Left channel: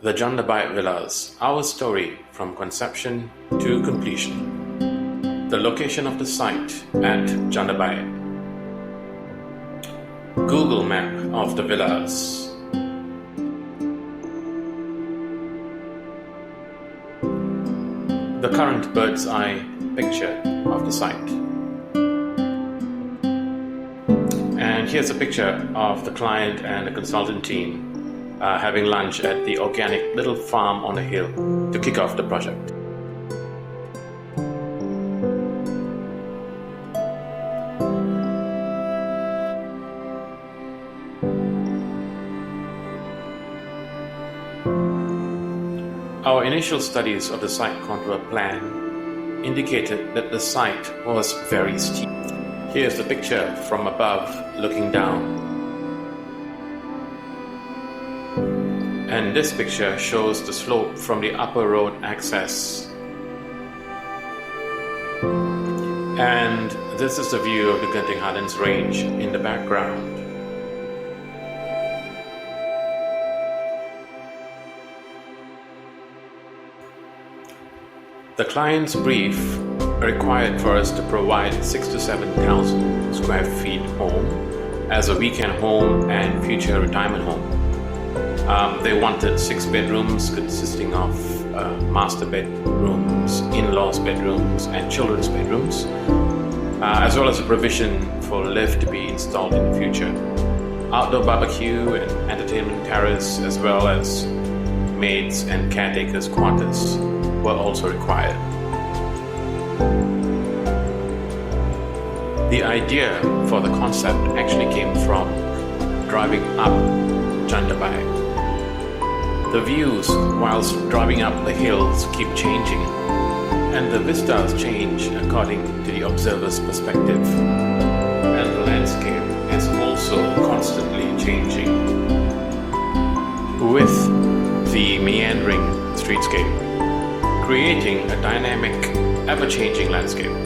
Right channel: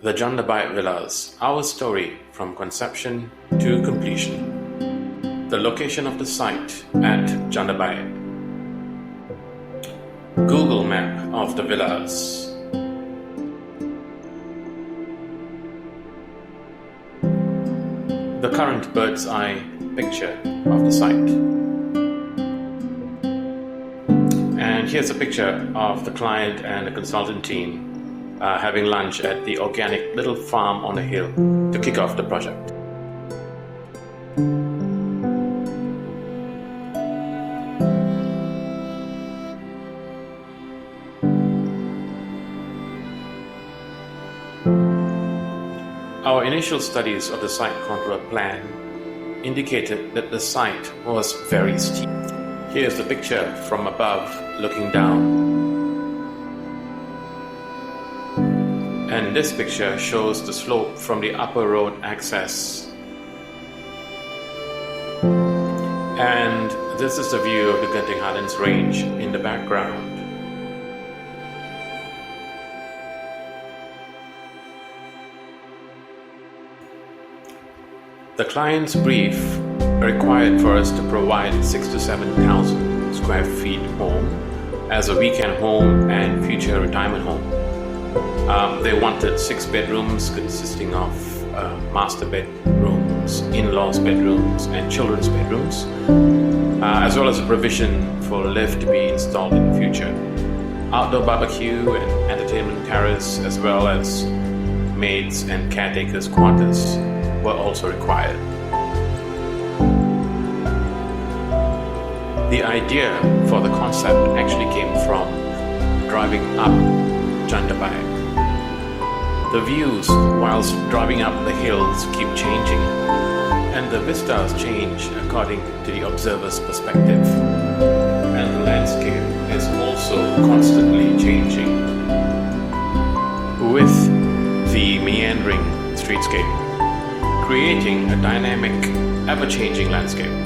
The Jandabaik Villas, our story from conception to completion. The location of the site at Jandabaik. Google map of the villas. The current bird's eye picture of the site. And here's a picture of the client and the consultant team having lunch at the organic little farm on the hill to kick off the project. Our initial studies of the site contour plan indicated that the site was very steep. Here's the picture from above looking down. And this picture shows the slope from the upper road access. And this is the view of the Genting Highlands Range in the background. The client's brief required for us to provide 6,000 to 7,000 square feet home as a weekend home and future retirement home. They wanted 6 bedrooms consisting of master bedrooms, in-laws bedrooms and children's bedrooms, as well as a provision for a lift to be installed in the future. Outdoor barbecue and entertainment terrace, as well as maids and caretakers' quarters were also required. The idea for the concept actually came from driving up Jandabaik. The views whilst driving up the hills keep changing, and the vistas change according to the observer's perspective, and the landscape is also constantly changing with the meandering streetscape, creating a dynamic, ever-changing landscape,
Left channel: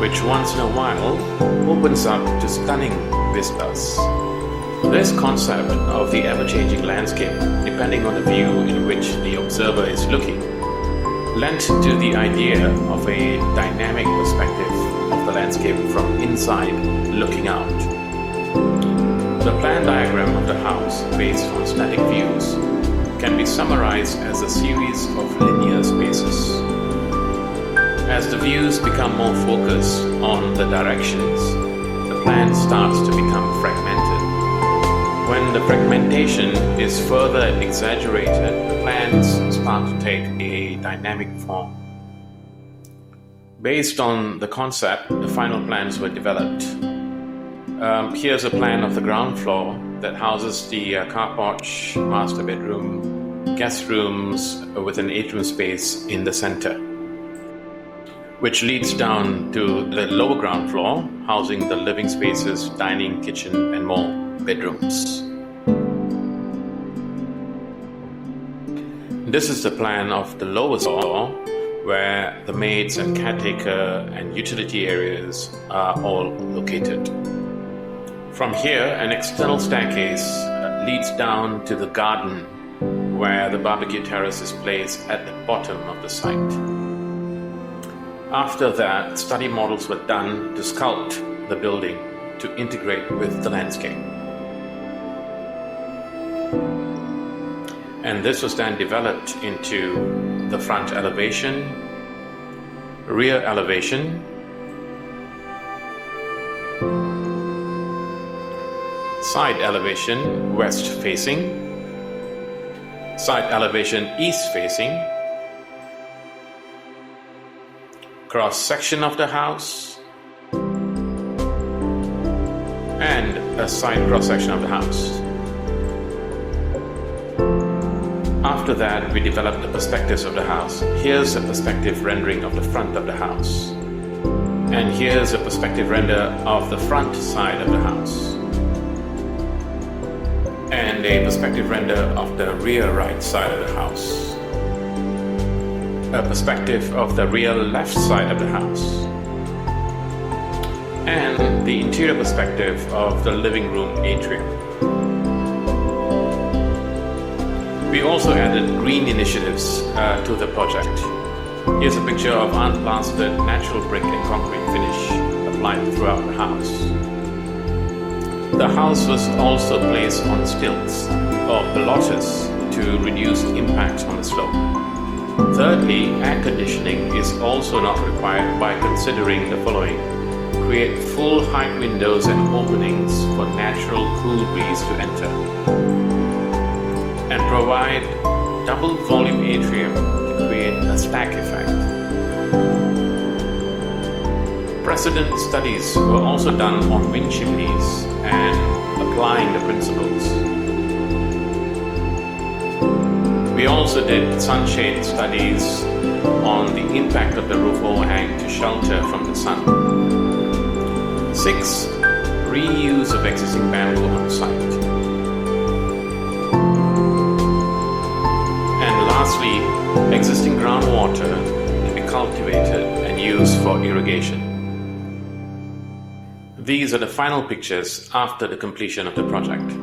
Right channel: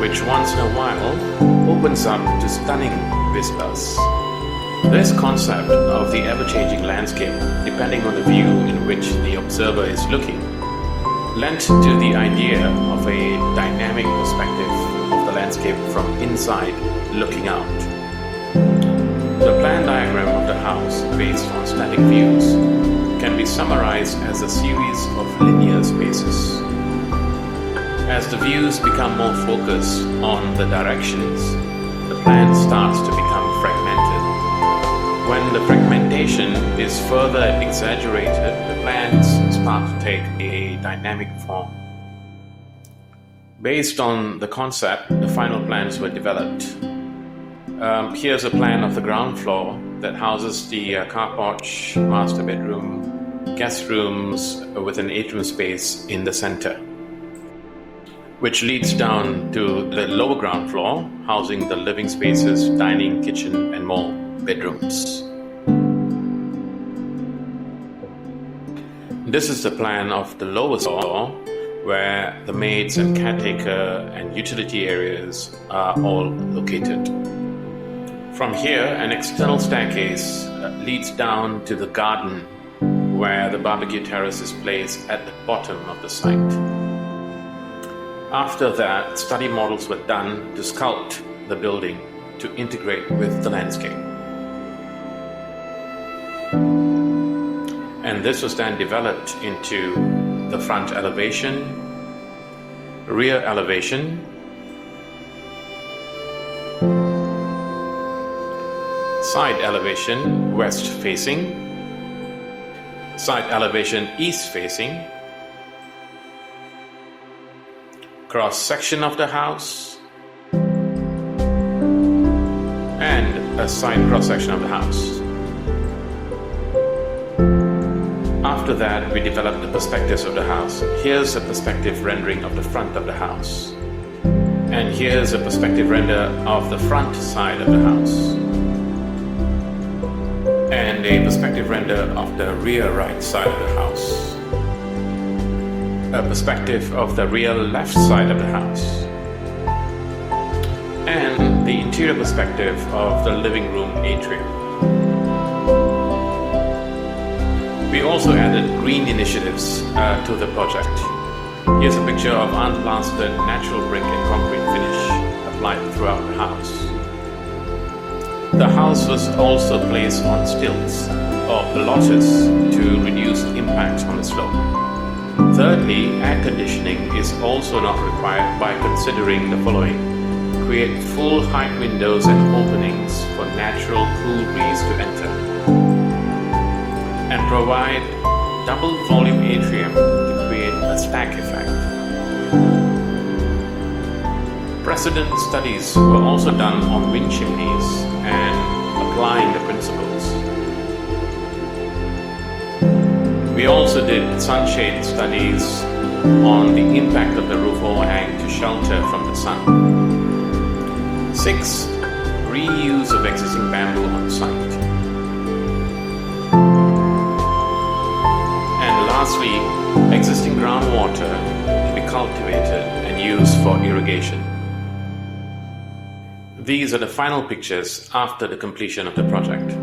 which once in a while opens up to stunning vistas. This concept of the ever-changing landscape, depending on the view in which the observer is looking, lent to the idea of a dynamic perspective of the landscape from inside looking out. The plan diagram of the house, based on static views, can be summarized as a series of linear spaces. As the views become more focused on the directions, the plan starts to become fragmented. When the fragmentation is further exaggerated, the plans start to take a dynamic form. Based on the concept, the final plans were developed. Here's a plan of the ground floor that houses the car porch, master bedroom, guest rooms with an atrium space in the center, which leads down to the lower ground floor, housing the living spaces, dining, kitchen, and more bedrooms. This is the plan of the lower floor, where the maids and caretaker and utility areas are all located. From here, an external staircase leads down to the garden, where the barbecue terrace is placed at the bottom of the site. After that, study models were done to sculpt the building to integrate with the landscape. And this was then developed into the front elevation, rear elevation, side elevation west facing, side elevation east facing, cross section of the house, and a side cross section of the house. After that, we developed the perspectives of the house. Here's a perspective rendering of the front of the house. And here's a perspective render of the front side of the house. And a perspective render of the rear right side of the house. A perspective of the rear left side of the house. And the interior perspective of the living room atrium. We also added green initiatives to the project. Here's a picture of unplastered natural brick and concrete finish applied throughout the house. The house was also placed on stilts or pilotis to reduce impact on the slope. Thirdly, air conditioning is also not required by considering the following. Create full height windows and openings for natural cool breeze to enter. And provide double volume atrium to create a stack effect. Precedent studies were also done on wind chimneys and applying the principles. We also did sunshade studies on the impact of the roof overhang to shelter from the sun. 6. Reuse of existing bamboo on site. And lastly, existing groundwater to be cultivated and used for irrigation. These are the final pictures after the completion of the project.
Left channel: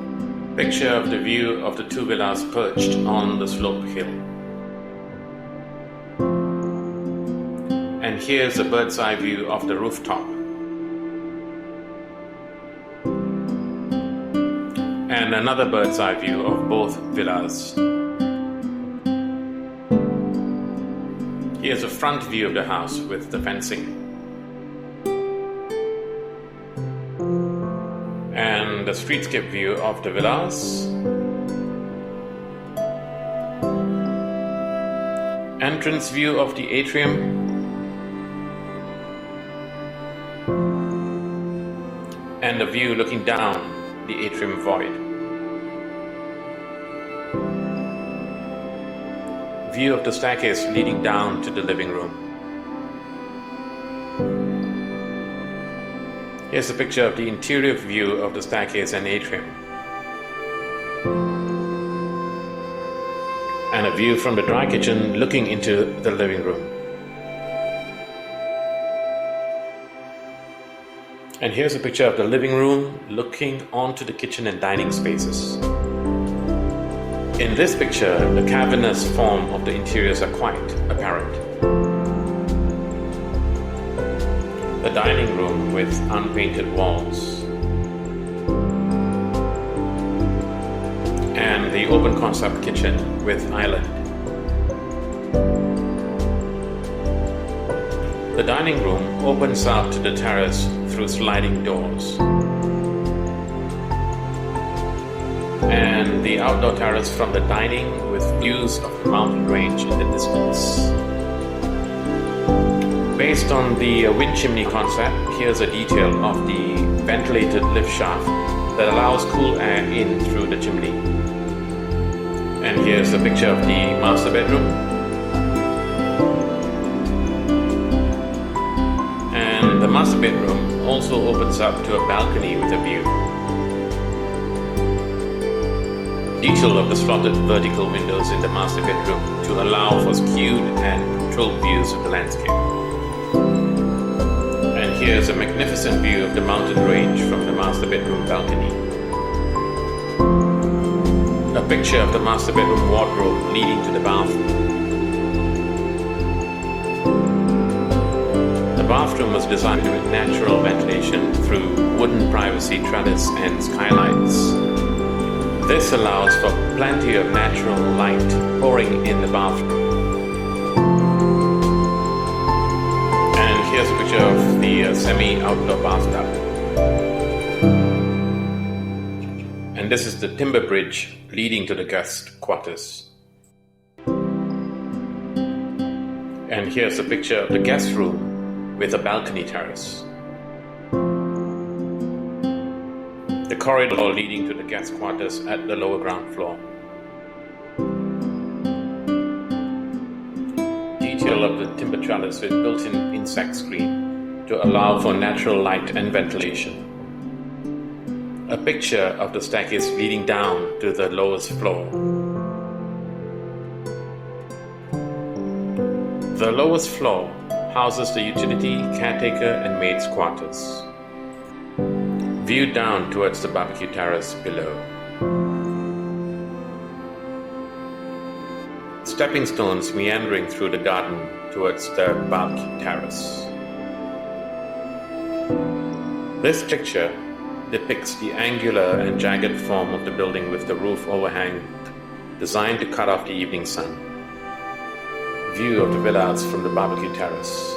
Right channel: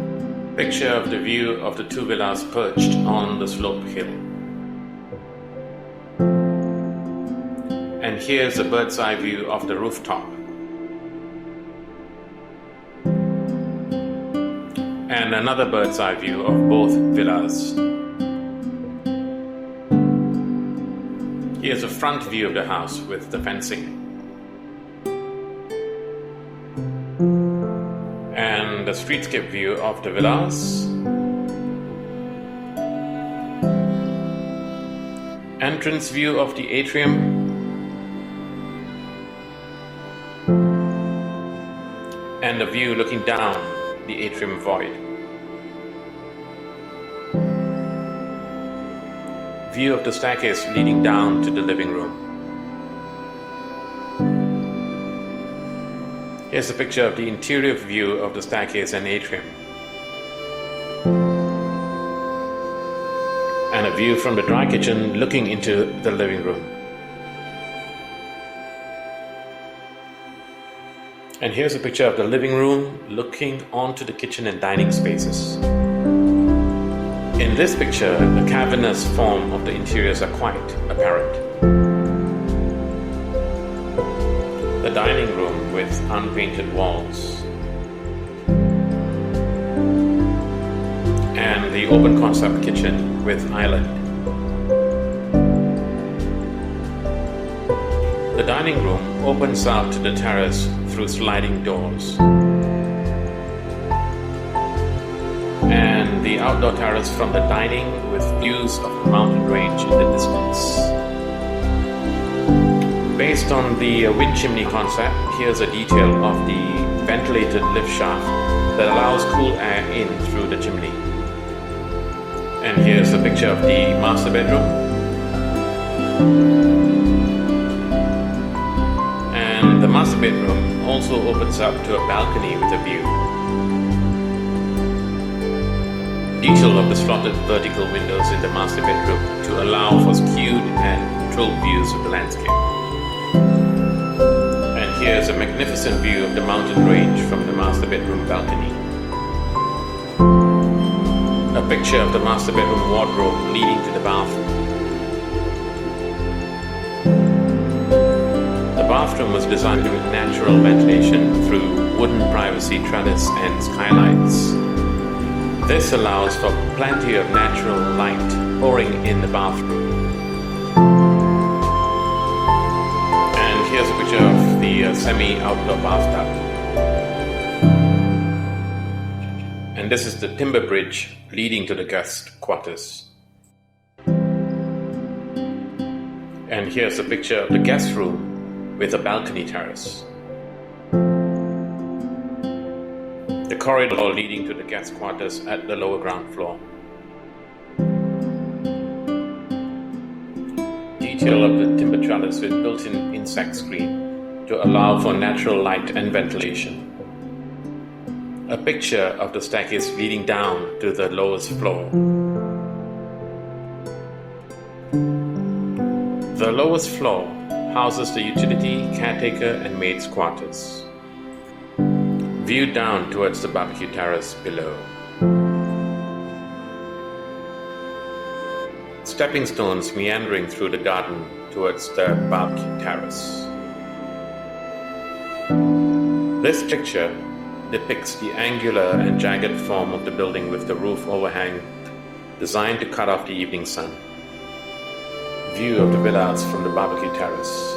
Picture of the view of the two villas perched on the slope hill. And here's a bird's eye view of the rooftop. And another bird's eye view of both villas. Here's a front view of the house with the fencing. And the streetscape view of the villas. Entrance view of the atrium. And the view looking down the atrium void. View of the staircase leading down to the living room. Here's a picture of the interior view of the staircase and atrium. And a view from the dry kitchen looking into the living room. And here's a picture of the living room looking onto the kitchen and dining spaces. In this picture, the cavernous form of the interiors are quite apparent. The dining room with unpainted walls. And the open concept kitchen with island. The dining room opens out to the terrace through sliding doors. And the outdoor terrace from the dining with views of the mountain range in the distance. Based on the wind chimney concept, here's a detail of the ventilated lift shaft that allows cool air in through the chimney. And here's a picture of the master bedroom. And the master bedroom also opens up to a balcony with a view. Detail of the slotted vertical windows in the master bedroom to allow for skewed and controlled views of the landscape. And here's a magnificent view of the mountain range from the master bedroom balcony. A picture of the master bedroom wardrobe leading to the bathroom. The bathroom was designed with natural ventilation through wooden privacy trellis and skylights. This allows for plenty of natural light pouring in the bathroom. And here's a picture of the semi-outdoor bathtub. And this is the timber bridge leading to the guest quarters. And here's a picture of the guest room with a balcony terrace. The corridor leading to the guest quarters at the lower ground floor. Detail of the timber trellis with built-in insect screen to allow for natural light and ventilation. A picture of the staircase leading down to the lowest floor. The lowest floor houses the utility, caretaker and maid's quarters. View down towards the barbecue terrace below. stepping stones meandering through the garden towards the barbecue terrace. This picture depicts the angular and jagged form of the building with the roof overhang designed to cut off the evening sun. View of the villas from the barbecue terrace.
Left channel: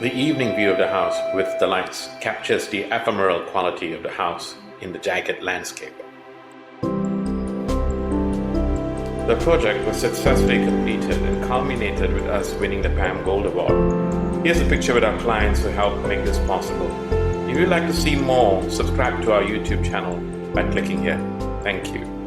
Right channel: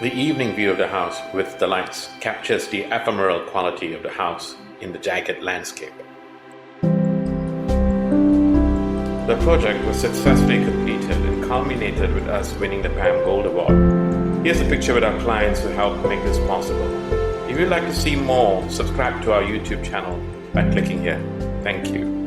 The evening view of the house with the lights captures the ephemeral quality of the house in the jagged landscape. The project was successfully completed and culminated with us winning the PAM Gold Award. Here's a picture with our clients who helped make this possible. If you'd like to see more, subscribe to our YouTube channel by clicking here. Thank you.